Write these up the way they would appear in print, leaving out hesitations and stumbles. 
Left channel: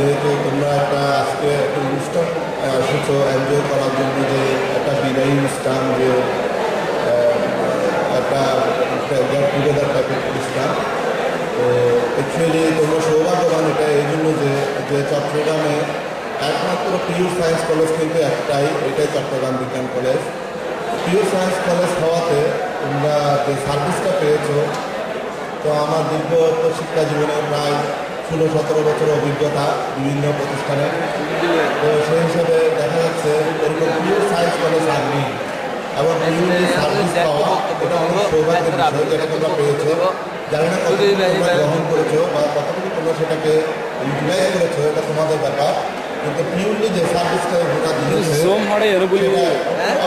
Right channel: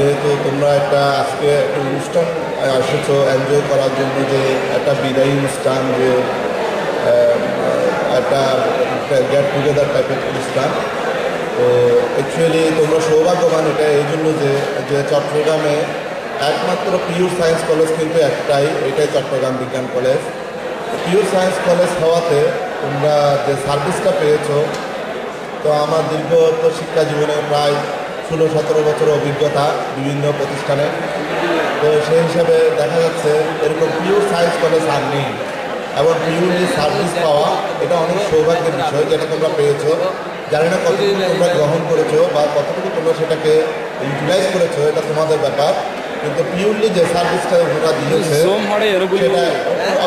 যেহেতু তোমরা একটা আজকে একটা অনুষ্ঠান এসেছো এনজয় করার জন্য, যে একটা বিদায়ী অনুষ্ঠান, যে একটা গেট টুগেদার টাইপের অনুষ্ঠান। তো অ্যাকচুয়ালি তোমরা সৌভাগ্যবান এটা এই জন্য যে চট্টগ্রামে একমাত্র পিওর সায়েন্স কলেজ কিন্তু একটাই, এটাই চট্টগ্রাম বিজ্ঞান কলেজ। পিওর সায়েন্স কলেজ হওয়াতে তোমরা যে সার্ভিসটা পেয়েছো, তো আমার দীর্ঘ শিক্ষা জীবনে প্রায় 16-17 বছর অভিজ্ঞতা বিভিন্ন প্রতিষ্ঠানে। তো সেই হিসাবে দেখা যাচ্ছে এরকম পিওর সায়েন্স কলেজ আর নেই, এবং পিওরলি সার্ভিস পাওয়া এটা অনেক সৌভাগ্যের বিষয়, যেটা তোমরা পেয়েছো। জানি না কতটুকু তোমরা গ্রহণ করেছো বা কতটুকু তোমরা সেটাকে ইউটিলাইজ করেছো, এটা তোমাদের ব্যাপার। কিন্তু পিওরলি যে সার্ভিসটা ওরা দিয়েছে সেটা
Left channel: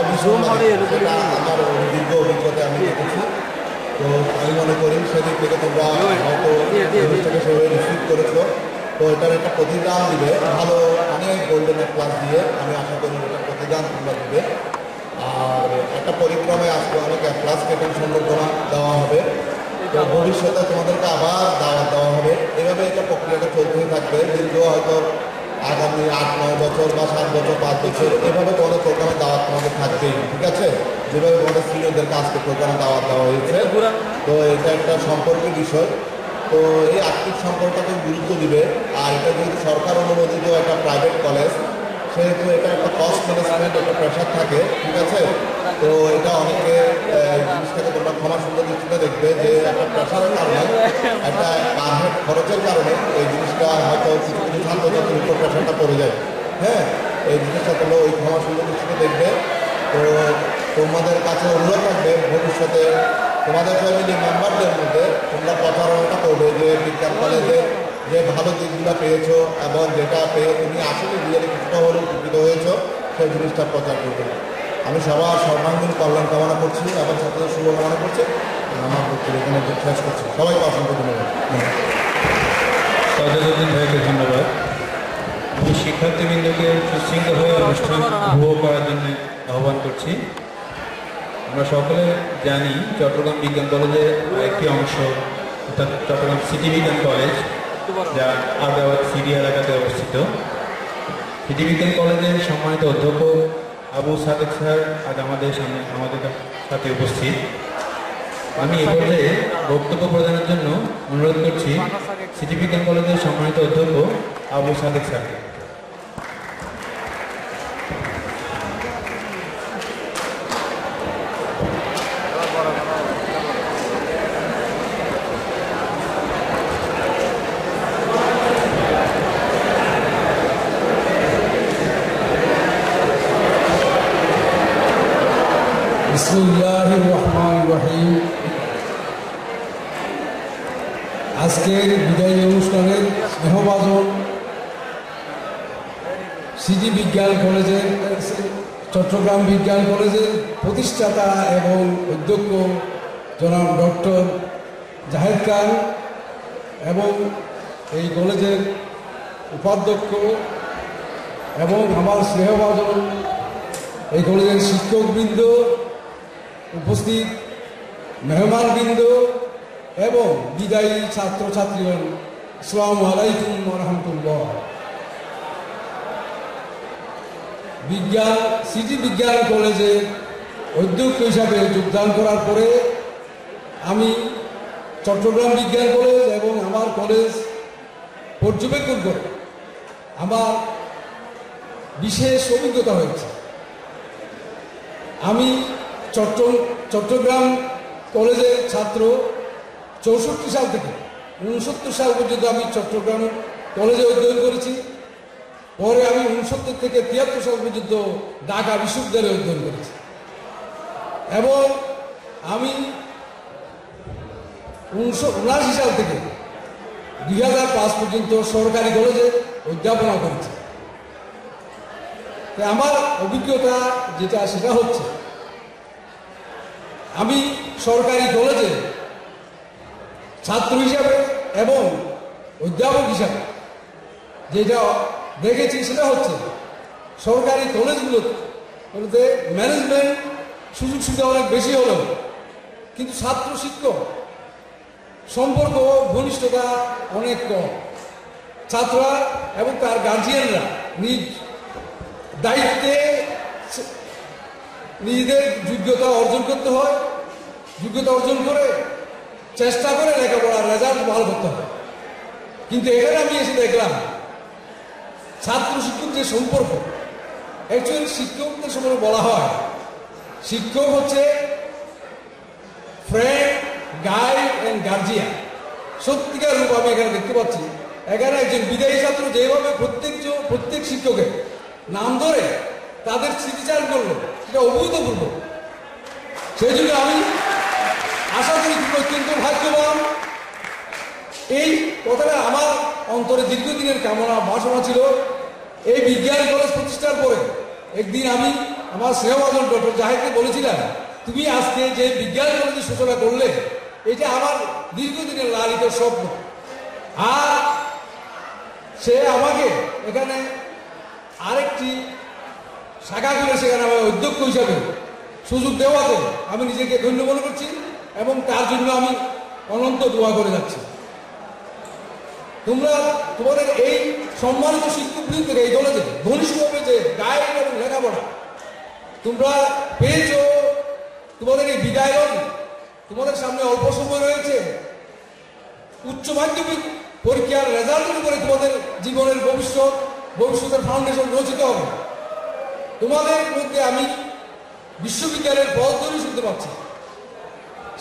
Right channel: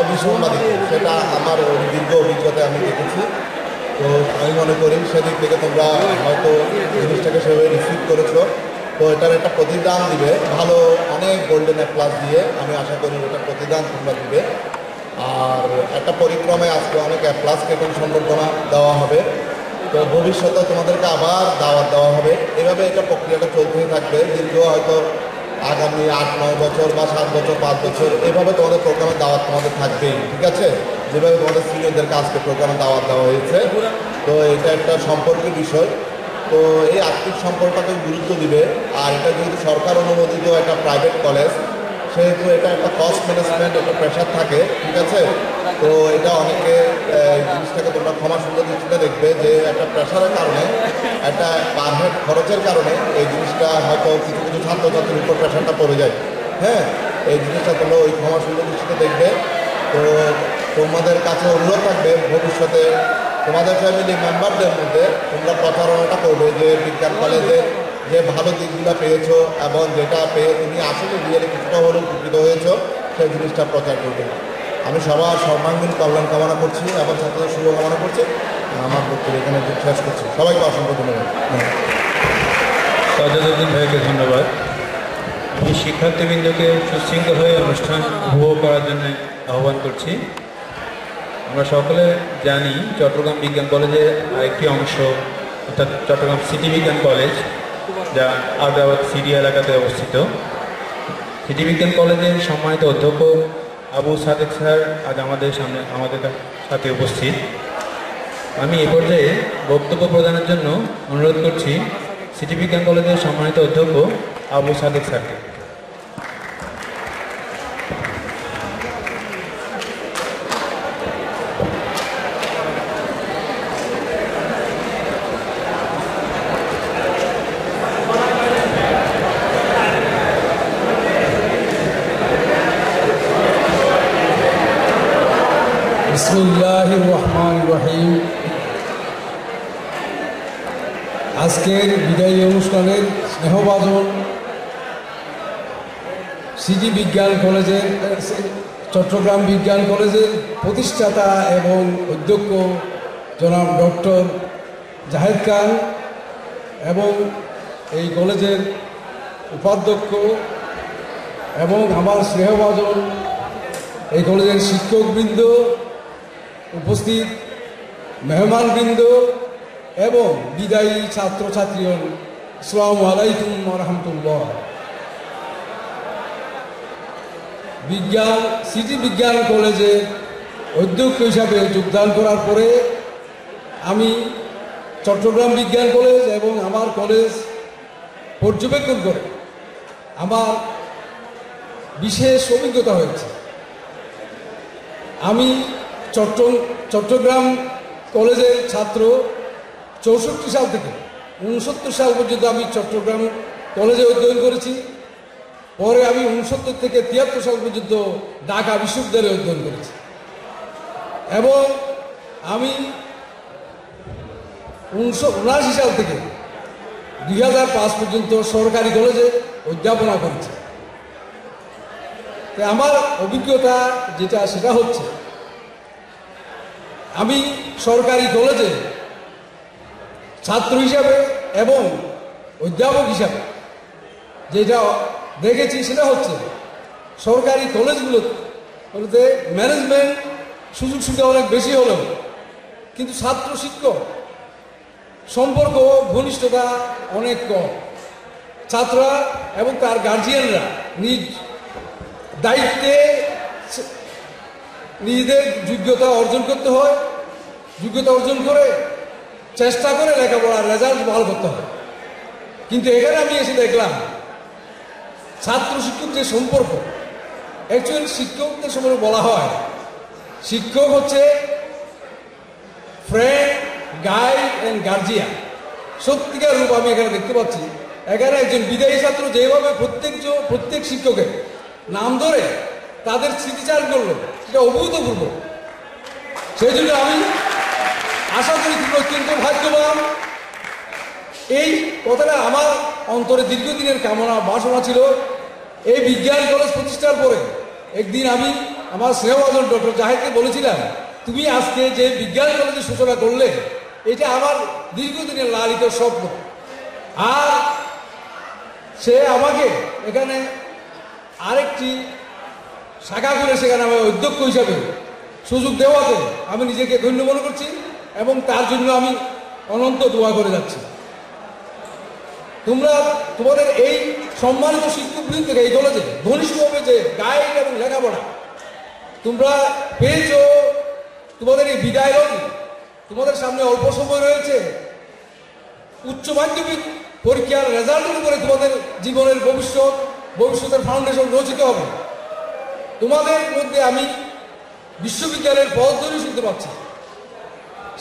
অবিসম্বাদিত, সেটা আমার দীর্ঘ অভিজ্ঞতায় আমি দেখেছি। তো আমি মনে করি সেদিক থেকে তোমরা হয়তো জিনিসটাকে সেভাবে রিসিভ করেছো। তো এটার একটা প্রতিদান দিবে, ভালো অনেক গোল্ডেন প্লাস দিয়ে আমি আশা করি এটার প্রতিদান তোমরা দিবে। আর একটা পরিক্রমায় আজকে অনেক প্লাস কেটন সম্বর্ধনা দেওয়া হবে। তো ভবিষ্যতে তোমাদেরকে আবার দাওয়াত দেওয়া হবে। এভাবে এটা প্রক্রিয়াটা চলতেই থাকবে দীর্ঘ হয়তো আগামী 8-9 বছর বা 7 বছর 5 বছর এভাবে তোমাদের প্রোগ্রামে দাওয়াত তোমাদের থাকবেই, ঠিক আছে? যেভাবে তোমাদের সিনিয়রদেরকে আজকে প্রোগ্রামে দাওয়াত দেওয়া হয়েছে। তো এটা একটা সম্পর্কের বিষয়। তো এই আর্থিক সম্পর্কটাকে গুরুত্ব দিবে। আর এটা যেহেতু সরকার অনুমোদিত একটা প্রাইভেট কলেজ, সেহেতু এটা একটা কস্ট ম্যানেজমেন্ট একটা প্রেশার থাকে, ঠিক আছে? তো এটা অনেকে জিনিসটাকে তোমরা ক্ষমা সুন্দর দৃষ্টিতে দেখবে যে একটা প্রেশারের কারণে, একটা পার হেড খরচের কারণে এই জিনিসটা হয়তো কিছু কিছু ছাত্রছাত্রীর উপর প্রেশারটা পড়ে যায়। হ্যাঁ, এই জিনিসটা তোমরা ওই ক্ষমা সুন্দর দৃষ্টিতে দেখবে। তো তোমাদের কাছে অনুরোধ থাকবে ভবিষ্যতে তোমাদের ফ্যামিলি মেম্বারদের মধ্যে তোমরা প্রচারণাটা করবে যে বিজ্ঞান কলেজে যে ভালো দিকগুলো পেয়েছো এবং যেটা পেয়ে তুমি আসলে রিয়েলি কিছুটা হলেও উপকৃত হয়েছো, সেই জিনিসটা প্রচার করবে। আমি সবার সর্বাঙ্গীন কল্যাণ কামনা করছি এবং ছাত্রদের শুভকামনা করছি। আমার বক্তব্য এখানে শেষ করছি। সবাইকে অসংখ্য ধন্যবাদ। সাজাদুদ্দিন ভাইকে ধন্যবাদ। আমি শিক্ষার্থীবৃন্দকে সুশৃঙ্খল হয়ে অনুষ্ঠান উপভোগ করার জন্য আহ্বান করছি। আমরা সকলে জানি চট্টগ্রাম বিজ্ঞান কলেজের আরেকটি অংশ, অর্থাৎ চট্টগ্রাম সিটি বিজ্ঞান কলেজ, যা আগ্রাবাদ সিটি এলাকাতে অবস্থিত। সিটি বিজ্ঞান কলেজের সম্মানিত অধ্যক্ষ আবু সাদেক স্যার আজ আমাদের সাথে উপস্থিত। আমি এই পর্যায়ে বক্তব্য প্রদানের জন্য অনুরোধ করছি সিটি বিজ্ঞান কলেজের সম্মানিত অধ্যক্ষ আবু সাদেক স্যারকে। বিসমিল্লাহির রহমানির রহিম। আজকের বিদায়ী অনুষ্ঠানের স্নেহভাজন সিটি বিজ্ঞান কলেজের, চট্টগ্রাম বিজ্ঞান কলেজের প্রতিষ্ঠাতা এবং অধ্যক্ষ জনাব ডক্টর জাহেদ খান এবং এই কলেজের উপাধ্যক্ষ এবং আমার স্নেহভাজন এই কলেজের শিক্ষকবৃন্দ, উপস্থিত মেহমানবৃন্দ এবং বিদায়ী ছাত্রছাত্রীগণ, আসসালামু আলাইকুম ওয়া রাহমাতুল্লাহ। সিটি বিজ্ঞান কলেজের অধ্যক্ষ হিসাবে যোগদান করার পরে আমি চট্টগ্রাম বিজ্ঞান কলেজ এবং আমার কলেজ পর্যবেক্ষণ করে আমার বিশেষ অভিজ্ঞতা হয়েছে। আমি চট্টগ্রাম কলেজের ছাত্র 64 সাল থেকে 69 সাল পর্যন্ত আমি চট্টগ্রাম কলেজে অধ্যয়ন করেছি। পরে আমি 69 থেকে 73 সাল পর্যন্ত ঢাকা বিশ্ববিদ্যালয়ে অধ্যয়ন করেছি এবং আমি 1979 সাল থেকে 2005 পর্যন্ত সরকারি কলেজে অধ্যাপনা করেছি। আমার অভিজ্ঞতা যেটা সেটা হচ্ছে, আমি সরকারি কলেজে ছাত্র হিসাবে এবং অধ্যাপক হিসাবে যেটা দেখেছি সেটা হচ্ছে সরকারি কলেজগুলোতে ম্যানেজমেন্ট সুযোগ সুবিধা অনেক বেশি হলেও কিন্তু ছাত্র শিক্ষক সম্পর্ক ঘনিষ্ঠতা অনেক কম। ছাত্ররা এবং তার গার্জিয়ানরা নিজ দায়িত্বে নিজেদের যোগ্যতা অর্জন করতে হয়, যোগ্যতা অর্জন করে চেষ্টা করে লেখাপড়ার রেজাল্ট ভালো করতে হয়। কিন্তু এখানে আমি এসে দেখলাম ছাত্র শিক্ষক যে সম্পর্ক, অ্যাকচুয়ালি শিক্ষকদের সম্পর্কে বলা হয় শিক্ষক হচ্ছে ফ্রেন্ড, গাইড অ্যান্ড গার্জিয়ান। সত্যিকার রূপ আমি এখানে দেখতে পাচ্ছি। এখানে একজন বিদায়ী ছাত্র যেভাবে প্রত্যেক শিক্ষকের নাম ধরে তাদের স্মৃতিচারণ করলো, সেটা অভূতপূর্ব। সেই জন্য আমি আশা করি তুমি অত্যন্ত ভাগ্যবান। এই কথাটা আমার অন্তরে দীর্ঘদিনের কামনা বাসনা ছিল। এই বিজ্ঞান কলেজ প্রতিষ্ঠার পরে একদিন আমি আমার স্নেহভাজন ডক্টর জাহিদকে বলেছিলাম, তুমি আজকে যে বিজ্ঞান কলেজের সূচনা করলে এটা আমার দীর্ঘদিনের লালিত স্বপ্ন। আর সে আমাকে এখানে আরেকটি শাখা করে সেখানে আমার অধ্যক্ষ হিসাবে সুযোগ দেওয়াতে আমি নিজেকে ধন্য মনে করছি এবং তার জন্য আমি অনন্ত দোয়া করে যাচ্ছি। তোমরা তোমাদের এই সম্মানিত শিক্ষকবৃন্দ থেকে এই কলেজে ঘনিষ্ঠভাবে যে গাইড এবং লেখাপড়া তোমরা পেয়েছো, তোমাদের এই বিদায়, তোমাদের সামনে অল্প সময় রয়েছে। উচ্চ মাধ্যমিক পরীক্ষার রেজাল্টের উপরে তোমাদের জীবনের ভবিষ্যতের ফাউন্ডেশন রচিত হবে। তোমাদের মধ্যে আমি বিশ্ববিদ্যালয়ের পদধূলি শুনতে পাচ্ছি।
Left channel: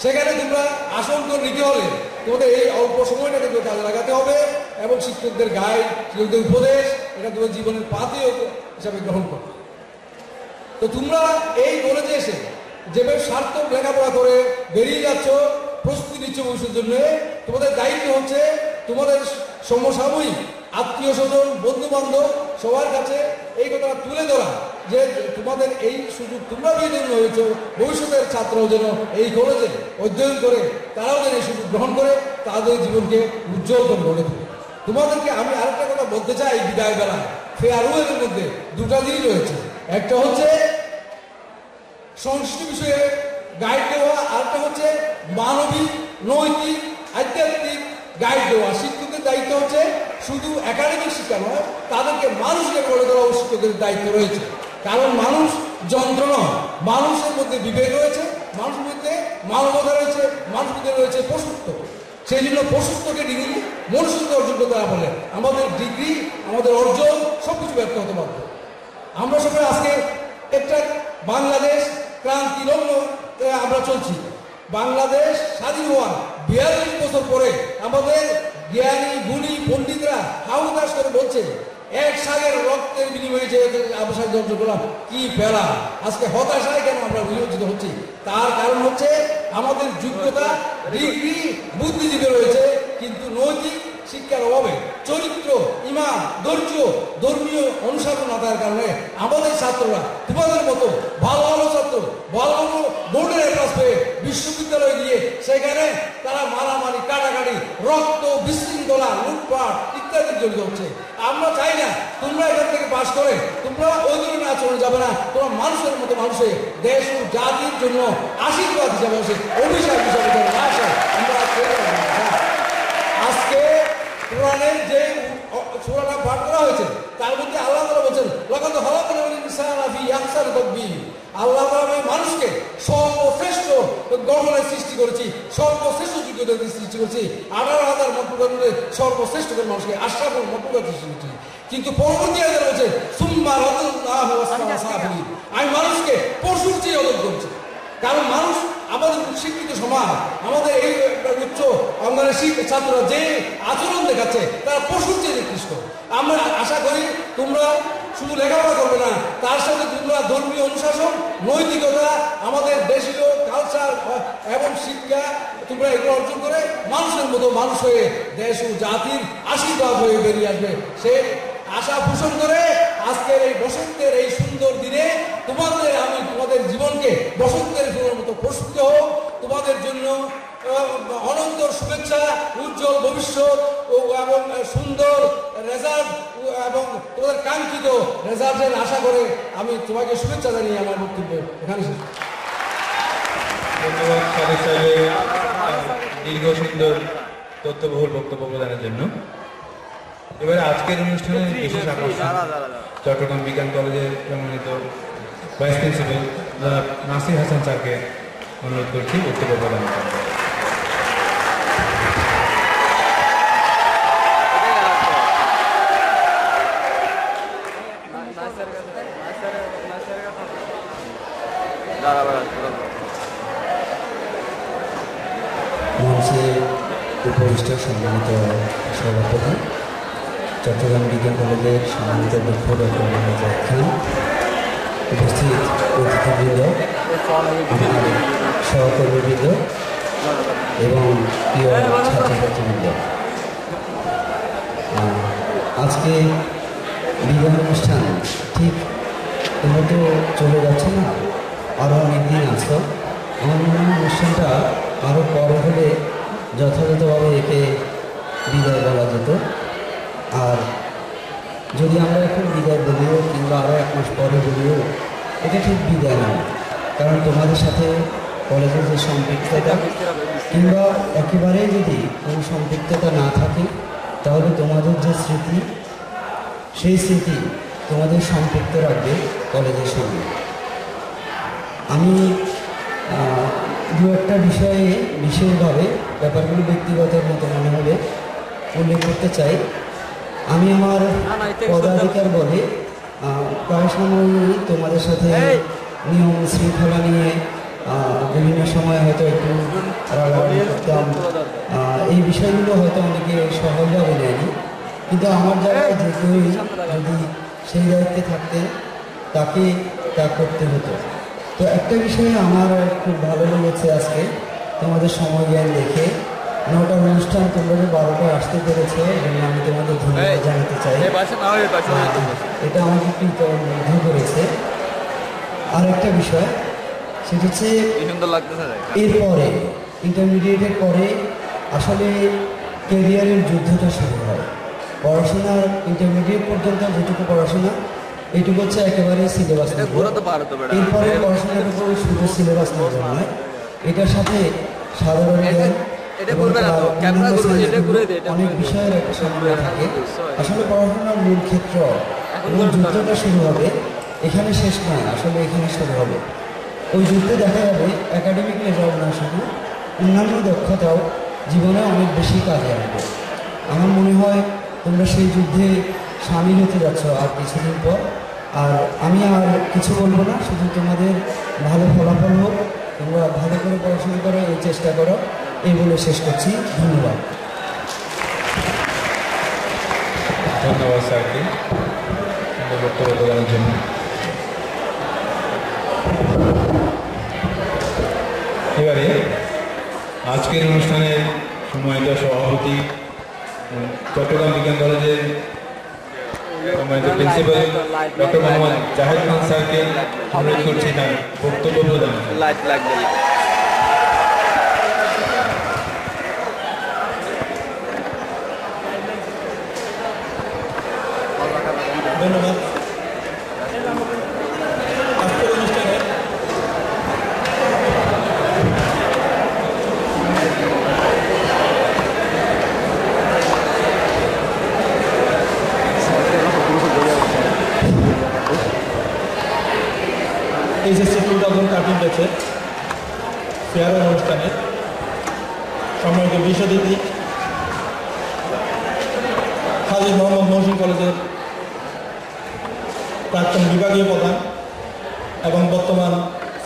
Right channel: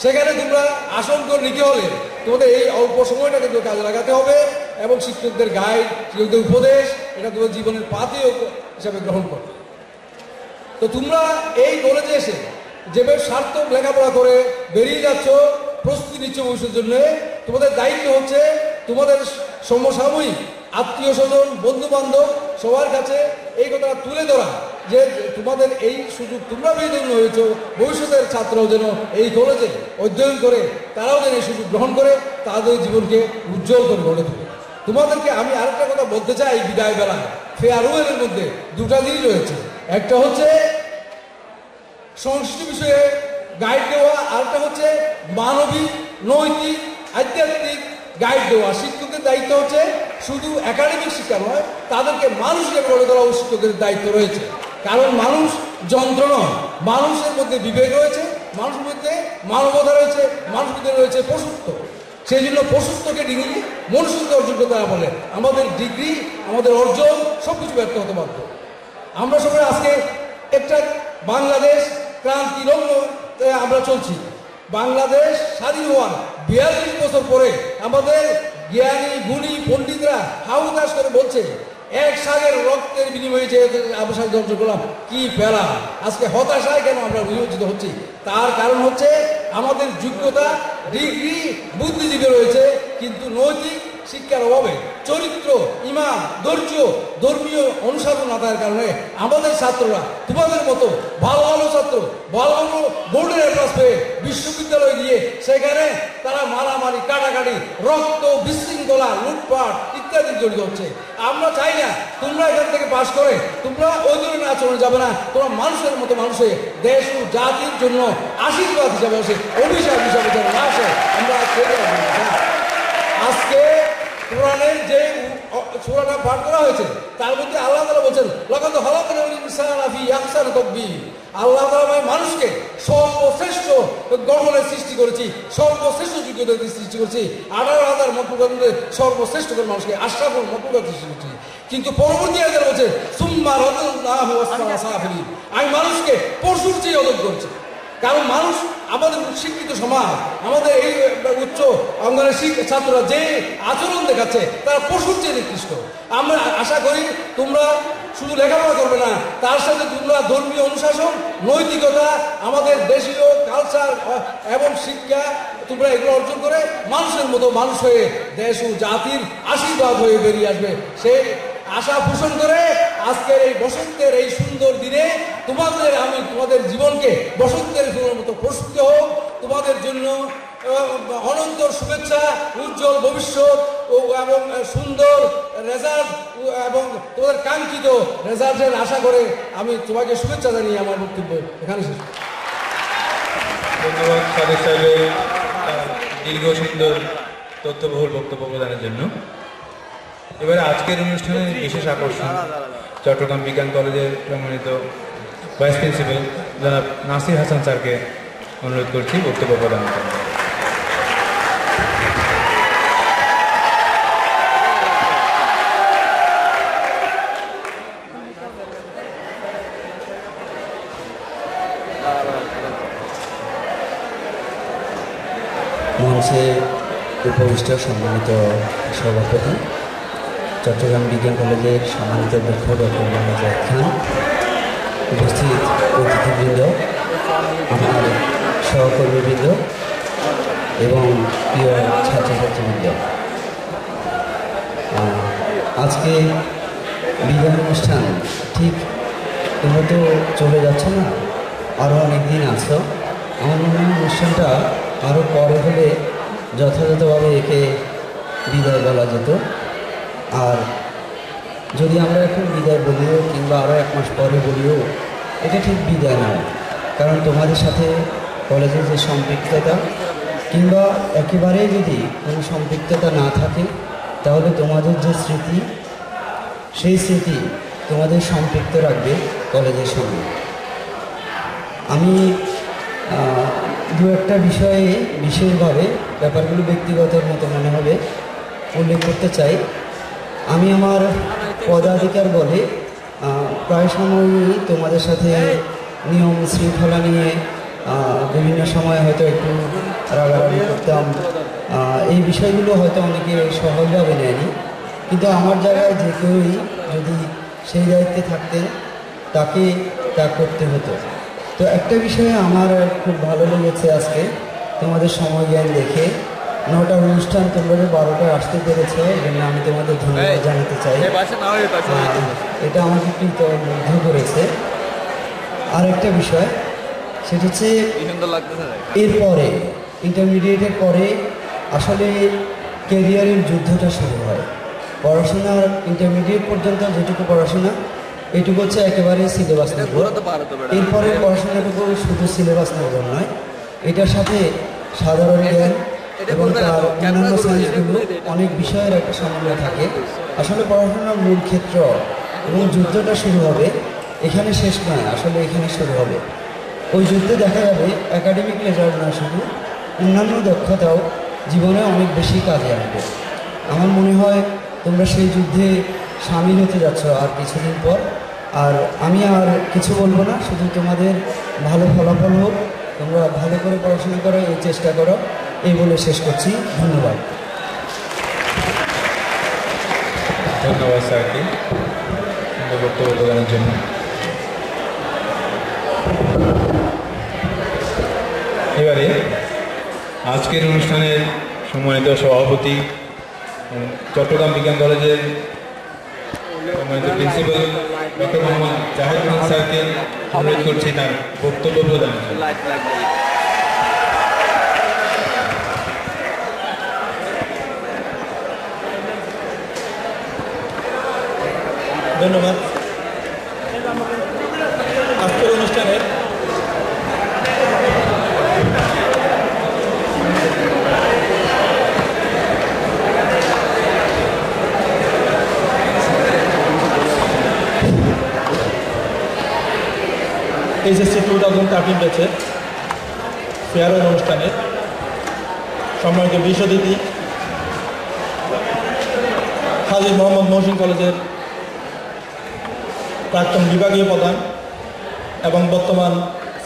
সেখানে তোমরা আসন করে নিতে হলে তোমাদের এই অল্প সময়টাকে কাজে লাগাতে হবে এবং শিক্ষকদের গাইড, শিক্ষকদের উপদেশ এটা তোমাদের জীবনের পাথে হিসাবে গ্রহণ করো। তো তোমরা এই কলেজে এসে যেভাবে সার্থক লেখাপড়া করে বেরিয়ে যাচ্ছ, প্রস্তুতি নিচ্ছ ভবিষ্যতের জন্য, তোমাদের দায়িত্ব হচ্ছে তোমাদের সমসাময়িক আত্মীয় স্বজন, বন্ধু বান্ধব সবার কাছে এই কথাটা তুলে ধরা যে তোমাদের এই সুযোগ তোমরা বিনোদন হয়েছ, ভবিষ্যতের ছাত্ররাও যেন এই কলেজে অধ্যয়ন করে তারাও যেন এই সুযোগ গ্রহণ করে তাদের জীবনকে উজ্জ্বল করে গড়ে তোলে। তোমাদেরকে আমি আরেকটা কথা বলতে চাই, বিদায় বেলায় ফেয়ারওয়েলের মধ্যে দুটা জিনিস রয়েছে। একটা হচ্ছে সংস্কৃতি বিষয়ে গাইড দেওয়া, আরেকটা হচ্ছে মানবিক, নৈতিক, আধ্যাত্মিক গাইড দেওয়া। শিক্ষকদের দায়িত্ব হচ্ছে শুধু একাডেমিক শিক্ষা নয়, তাদেরকে মানুষকে গড়ে তোলাও শিক্ষকদের দায়িত্ব রয়েছে। কারণ মানুষ যন্ত্র নয়, মানুষের মধ্যে বিবেক রয়েছে, মানুষের মধ্যে মানবতা রয়েছে, মানুষের মধ্যে রয়েছে পশুত্ব। সেই জন্য পশুত্বকে ডিগ্রি মনুষ্যত্ব অর্জন করতে না বলে আমাদের ডিগ্রি, আমাদের অর্জন সবকিছু ব্যর্থ হতে বাধ্য। আমরা সবাই আজকে একটা বাংলাদেশ ক্রান্তি লগ্ন আমরা চলছি। বাংলাদেশ স্বাধীন হওয়ার 42 বছর পরে আমাদের জ্ঞানী গুণী পণ্ডিতরা হাউতাস করে বলছে এক সাগের রক্তের বিনিময়ে যে আমরা স্বাধীনতা অর্জন করলাম, কি ফেলা। আজকে হতাশায় কেন আমরা বিবেচিত হচ্ছি? তার কারণ হচ্ছে আমাদের যোগ্যতা, ডিগ্রি, বুদ্ধিজীবী রয়েছে, কিন্তু নৈতিক শিক্ষার অভাবে, চরিত্র, ইমান, ধৈর্য, ধর্মীয় অনুশাসন না থাকার কারণে আমাদের ছাত্ররা তোমাদের মতো ভালো ভালো ছাত্র ভালো ভালো বোর্ডের ক্লাস পেয়ে বিশ্ববিদ্যালয়ে গিয়ে সেখানে তারা মারামারি, কাটাকাটি, রক্ত, বিশৃঙ্খলা, লুটপাট ইত্যাদি জড়িত হচ্ছে। আমরা চাই না তোমরা এখান থেকে পাশ করে তোমরা ওই ধরনের আচরণে যাবে না। তোমরা মানুষের মতো মানুষে দেশ ও জাতির জন্য আশীর্বাদ হিসাবে আসে, অভিশাপ হিসাবে যেন না আসে আমরা আজকে কোরআনের যে সূরাটা পাঠ করা হয়েছে তার মধ্যে আল্লাহ তাআলা বলেছেন লাকাদ খালাকনাল ইনসানা ফি আহসানি তাকবীর। আল্লাহ তাআলা মানুষকে সর্বশ্রেষ্ঠ গঠনের সৃষ্টি করেছি, সর্বশ্রেষ্ঠ যোগ্যতা দিয়ে সৃষ্টি করেছি। 18,000 মখলুকাতের মধ্যে সর্বশ্রেষ্ঠ করে মানুষকে আশরাফুল মখলুকাত সৃষ্টি করেছি। কিন্তু পরবর্তী আয়াতে বলেছে সুম্মা রাদাল্লাহু আসফালা সাফিলিন, আমি মানুষকে পশুর চেয়ে অধম করছি। কারণ মানুষ আমাদের শিক্ষিত সমাজ, আমাদের এই উচ্চ অঙ্গনের ছাত্ররা যে আচরণ দেখাচ্ছে তারা পশুর চেয়ে নিকৃষ্ট। আমরা আশা করি তোমরা শুধু লেখাপড়া করবে না, তার সাথে তোমরা ধর্মীয় অনুশাসন, নৈতিকতা, আমাদের দেশীয় কালচার এবং শিক্ষা তোমরা এগুলো অর্জন করে মানুষের মতো মানুষ হয়ে দেশ ও জাতির আশীর্বাদ হয়ে বেরিয়ে আসবে। সেই আশা পোষণ করে আজকের এই বসন্তের এই সুন্দর দিনে তোমাদের জীবনকে বসন্তের ফুলের মতো প্রস্তুত হোক। তোমাদের জন্য অনন্ত শুভেচ্ছা, উজ্জ্বল ভবিষ্যৎ এবং সুন্দর রেজাল্ট এবং তোমাদের কাঙ্ক্ষিত রেজাল্টের আশা করে আমি তোমাকে শুভেচ্ছা জানিয়ে আমার বক্তব্য এখানে শেষ। ধন্যবাদ সাদিক সাহেবের দীর্ঘ সুন্দর তথ্যবহুল বক্তব্য প্রদানের জন্য। এবারে আজকের অনুষ্ঠানের বিশেষ আকর্ষণ চট্টগ্রাম বিজ্ঞান কলেজের সম্মানিত ভাইস প্রিন্সিপাল জনাব নাসির হাসান স্যারকে অনুরোধ করছি বক্তব্য প্রদান করেন। মঞ্চে উপবিষ্ট সম্মানিত সভাপতি, চট্টগ্রাম বিজ্ঞান কলেজের সম্মানিত অধ্যক্ষ ডক্টর মোহাম্মদ জাহিদ খান, উপস্থিত অতিথিবৃন্দ, আমার সহকর্মীবৃন্দ এবং প্রিয় ছাত্রছাত্রীবৃন্দ, আজকে বিজ্ঞান অনুষ্ঠান ঠিক তোমরা তো চলে যাচ্ছ না, আরও অনেক দিন আছো। আমার মনে হয় অনুষ্ঠানটা আরও পরে হলে যথাযথভাবে একে বিদায় বলা যেত। আর যদি আমরা এখন বিদায় বলিও কিংবা আরও 1 মাস পরে বলিও, এটা ঠিক বিদায় নয়। কারণ তোমাদের সাথে কলেজের যে সম্পৃক্ততা কিংবা একেবারেই যদি কোনো সম্পৃক্ততা না থাকে, তাহলে তোমাদের যে স্মৃতি, সেই স্মৃতি তোমাদের সম্পৃক্ত রাখবে কলেজের সঙ্গে। আমি দু একটা বিষয়ে বিশেষভাবে ব্যাপারগুলো ব্যক্তিগতর মতো মনে হবে উল্লেখ করতে চাই। আমি আমার পদাধিকার বলে প্রায় সময়ই তোমাদের সাথে নিয়ম শৃঙ্খলা নিয়ে বিভিন্ন সময় হয়তো একটু রাগারাগি করতাম। এই বিষয়গুলো হয়তো অনেকে সহজভাবে নেয়নি, কিন্তু আমার জায়গায় যে কেউই যদি সেই দায়িত্বে থাকতেন তাকে তা করতে হতো। তো একটা বিষয়ে আমার খুব ভালো লেগেছে আজকে তোমাদের সময় জ্ঞান দেখে। 9টার অনুষ্ঠান তোমরা যে 12টায় আসতে পেরেছে, এজন্য আমি তোমাদের ধন্যবাদ জানাতে চাই। এটা আমাকে কৃতজ্ঞ করেছে। আর একটা বিষয়, সেটা হচ্ছে এরপরে ইন্টারমিডিয়েটের পরে আসলে ক্যারিয়ারের যুদ্ধটা শুরু হয়। পড়াশোনার ইন্টারমিডিয়েট পর্যন্ত যেটুকু পড়াশোনা, এটুকু হচ্ছে একেবারে সিলেবাস নির্ভর। এরপরে পড়াশোনাটুকু শুধু সিলেবাস নির্ভর নয়, এটার সাথে সাধারণ জ্ঞান এবং তার অন্যান্য সায়েন্সগুলো অনেক বিষয়ের একটা সমন্বয় থাকে। আসলে পড়াশোনার মূল ক্ষেত্র এবং যুদ্ধটা শুরু হবে এখানে, শেষ নয়, আসলে এখানে শুরু হবে। ওই যুদ্ধে দেখা যাবে একাডেমিক রেজাল্ট না শুধু, অন্যান্য দক্ষতাও জীবনে অনেক বেশি কাজে আসবে। আমার মনে হয় তোমরা সেই যুদ্ধে সামিল হতে যাচ্ছ আর কিছুদিন পর। আর আমি আর কিছু বলবো না, শুধু তোমাদের ভালো ফলাফল হোক, তোমরা ভালো করে পড়াশোনা করো, এই চেষ্টা করো, এই বলে শেষ করছি। ধন্যবাদ। ধন্যবাদ স্যারকে বক্তব্য প্রদানের জন্য। এবারে আজকের অনুষ্ঠানের সম্মানিত সভাপতি, চট্টগ্রাম বিজ্ঞান কলেজের সম্মানিত প্রিন্সিপাল ডক্টর মোহাম্মদ জাহিদ খান স্যারকে অনুরোধ করছি তার বক্তব্য প্রদান। ধন্যবাদ। আজকের অনুষ্ঠানে এইচএসসি 2013 ব্যাচে ফেয়ারওয়েল অনুষ্ঠানে সম্মানিত বিশেষ অতিথি হাজী মোহাম্মদ মহসিন কলেজের প্রাক্তন বিভাগীয় প্রধান এবং বর্তমান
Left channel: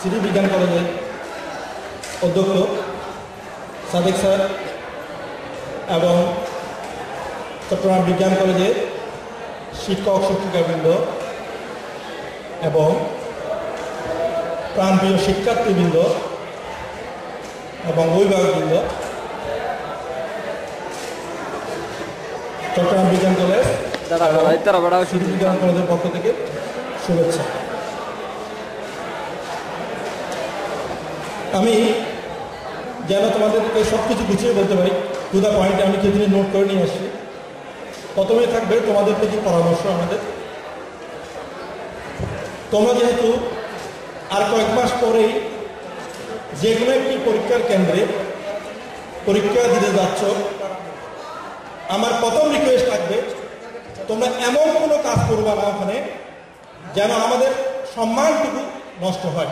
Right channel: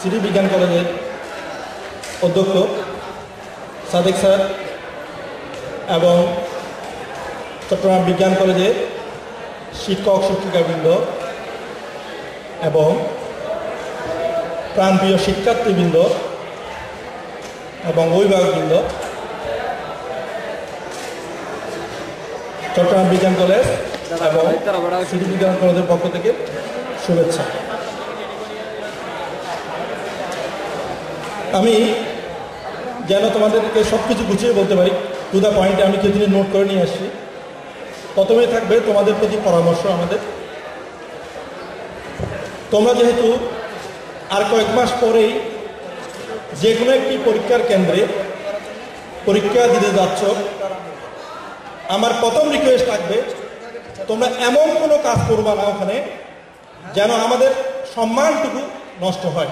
সিটি বিজ্ঞান কলেজের অধ্যক্ষ সাদেক স্যার এবং চট্টগ্রাম বিজ্ঞান কলেজের শিক্ষক শিক্ষিকাবৃন্দ এবং প্রাণপ্রিয় শিক্ষার্থীবৃন্দ এবং অভিভাবকবৃন্দ, চট্টগ্রাম বিজ্ঞান কলেজ এবং সিটি বিজ্ঞান কলেজের পক্ষ থেকে শুভেচ্ছা। আমি যেন তোমাদেরকে সব কিছু গুছিয়ে বলতে পারি, টু দ্য পয়েন্টে আমি কিছু নোট করে নিয়ে আসছি। প্রথমেই থাকবে তোমাদের প্রতি পরামর্শ আমাদের। তোমরা যেহেতু আর কয়েক মাস পরেই যে কোনো একটি পরীক্ষার কেন্দ্রে পরীক্ষা দিতে যাচ্ছ, আমার প্রথম রিকোয়েস্ট থাকবে তোমরা এমন কোনো কাজ করবা না ওখানে যেন আমাদের সম্মানটুকু নষ্ট হয়।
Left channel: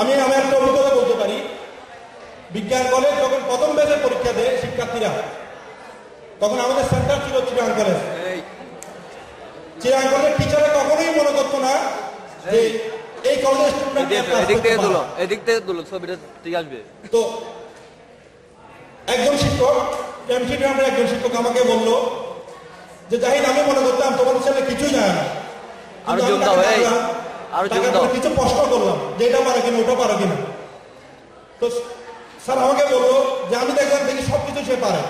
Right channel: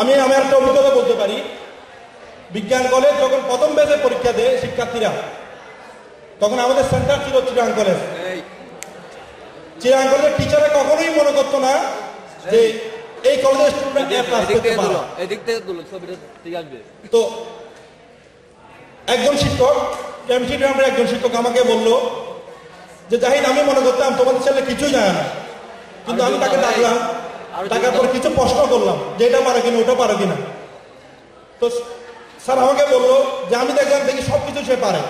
আমি আমার একটা অভিজ্ঞতা বলতে পারি, বিজ্ঞান কলেজ যখন প্রথম ব্যাচে পরীক্ষা দেয় শিক্ষার্থীরা, তখন আমাদের সেন্টার ছিল চিরাং কলেজ। চিরাং কলেজের টিচারে কখনোই মনে করতো না যে এই কলেজের স্টুডেন্ট তো একজন শিক্ষক, কেমিস্ট্রি ডিপার্টমেন্টের একজন শিক্ষক আমাকে বলল যে জাহিদ, আমি মনে করতাম তোমাদের ছেলে কিছুই জানে না, কিন্তু আমি তাকে দেখলাম, তাকে কিছু প্রশ্ন করলাম যে এটা পারো কিনা, ওটা পারো কিনা। তো স্যার আমাকে বললো যে আমি দেখলাম দেখি সবকিছু সে পারে।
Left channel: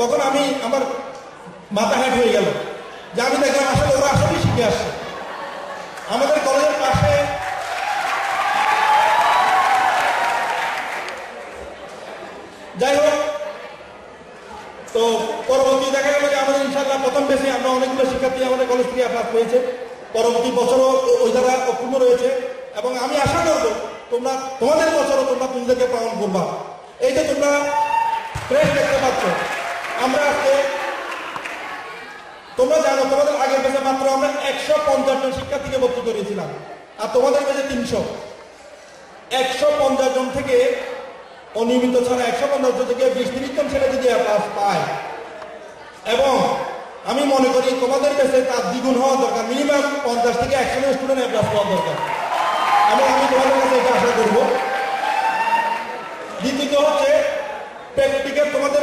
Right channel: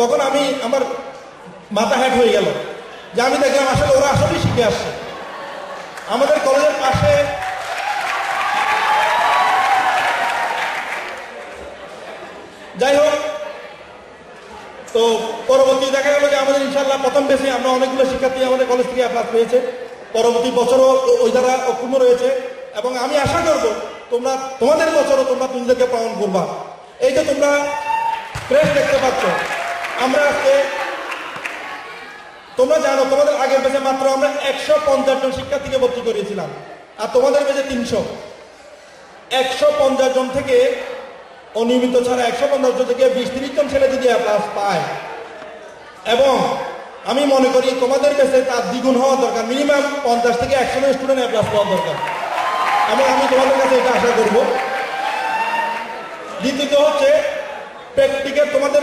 তখন আমি আমার মাথা হ্যাট হয়ে গেল যে আমি দেখলাম আসলে ওরা আসলেই শিখে আসছে। আমাদের কলেজের পাশে যাই হোক, তো পরবর্তী দেখা গেল যে আমাদের ইনশাল্লাহ প্রথম বেশি আমরা অনেকগুলো শিক্ষার্থী আমাদের কলেজ থেকে অ্যাপ্লাই পেয়েছে। পরবর্তী বছরও ওই দ্বারা অক্ষুণ্ণ রয়েছে এবং আমি আশা করবো তোমরা তোমাদের বছরও তোমরা নিজেদেরকে প্রমাণ করবা। এই যে তোমরা প্রেস দেখতে পাচ্ছ, আমরা আজকে তোমরা জানো তোমাদের আগের বেজে মাত্র আমরা 150 জন শিক্ষার্থীকে ভর্তি করিয়েছিলাম, আর তোমাদের বেজে 300। 150 জন থেকে অনিয়মিত ছাড়া 150 জন থেকে 20-30 জন ছেলে যদি অ্যাপ্লাস পায়, এবং আমি মনে করি তোমাদের বেজে তার দ্বিগুণ হওয়া দরকার, মিনিমাম 50 থেকে 100 জন স্টুডেন্ট অ্যাপ্লাস পাওয়া দরকার, এবং আমি তোমাদের কাছে এটা আশা করব। দ্বিতীয়ত হচ্ছে প্র্যাকটিক্যাল, তোমাদের